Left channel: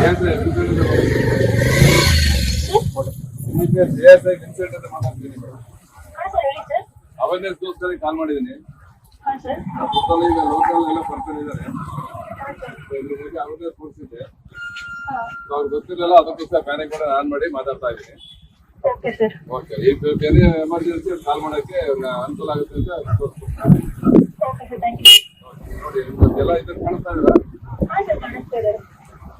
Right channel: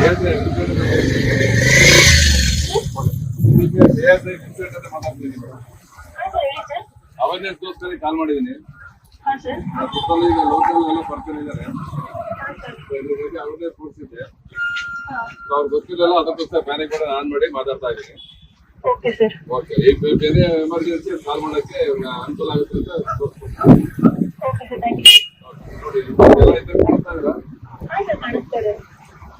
ಹೇಳ್ತಾರೆ ಅವೇರ್ನೆಸ್ಗೋಸ್ಕರ ಕಾಲ್ ಮಾಡಿದ್ದೀನಿ. ಸುತ್ತಲೂ ಈಗ ಲೋಕಲ್ ಎಲ್ಲ ಪರ್ಸನ್ ಇದ್ದಾರೆ ಇದ್ರ ಬಗ್ಗೆ ಅವೇರ್ನೆಸ್ ಅವ್ರು ಗೊತ್ತಿಲ್ಲ ಅದಕ್ಕೋಸ್ಕರ ಪ್ಯಾನಿಕ್ ಮಾಡಿ ಆನ್ ಮಾಡಿ ಮಾತಾಡ್ತಾ ಇದ್ದೀನಿ. ಓಕೆ ಈಗ ಬೇರೆ ಎಮರ್ಜೆನ್ಸಿ ಕಾಲ್ ಮಾಡೋಕೆ ಅನುಕೂಲ ಆಗುತ್ತೆ ಅಂತ ನೋಡಿ ಎಲ್ಲ ಇದ್ರೆ ಕಾಣಿಸ್ತಾ ಇದೆ.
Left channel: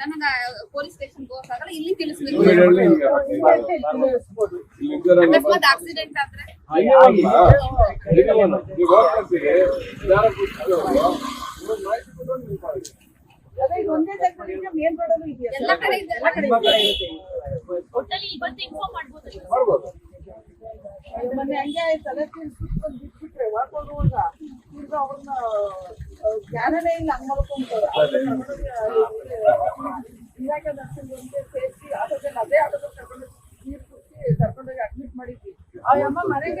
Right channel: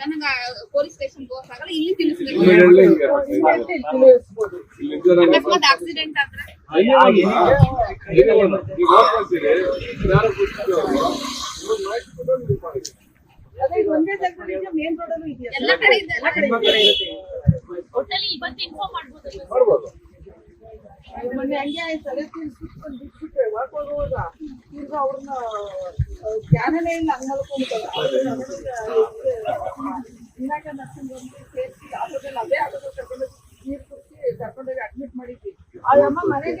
ಸಡನ್ ಆಗಿ ಪೊಲೀಸ್ ಸ್ಟೇಷನ್ ಹೋಗಕ್ಕಾಗಲ್ಲ ಇಲ್ಲಿ ತಿಳಿಸ್ಬೇಕು. ಅಕಸ್ಮಾತ್ ಆಕ್ಸಿಡೆಂಟ್ ಆದ್ರೆ. ಎಲ್ಲ ಕಡೆ ಇದೆ ಎಲ್ಲ ಕಡೆ ಟೋಟಲಿ ಇವತ್ತು ಇನ್ಫಾರ್ಮ್ ಮಾಡ್ಬೋದು ಮಾಡ್ಬೋದು. ಮೊನ್ನೆ ಹಂಗೆ ತಲೆ ತಿನ್ಸ್ಬಿಟ್ಕೊಂಡು ಬಿಟ್ಬಿಟ್ರೆ ವಾಕ್ ಹೋಗುವಾಗ ಈಗ ಅವ್ರನ್ನ ಜ್ಞಾನನೇ ಇಲ್ಲ ಹಂಗ್ ಮಲ್ಕೊಂತಾರೆ ಇಲಾಖೆ ನರ್ಸಿಂಗ್ ಆಟೋದಲ್ಲಿ ಅದೇ ಆಟೋದಲ್ಲಿ ಕರ್ಕೊಂಡು ನೀರು ಕುಡಿಸಿ ಕರ್ಕೊಂಡೋಗಿ ಅಡ್ಮಿಟ್ ಮಾಡಿದ್ವಿ ಆ ಅಮ್ಮ ಮನೆಗೆ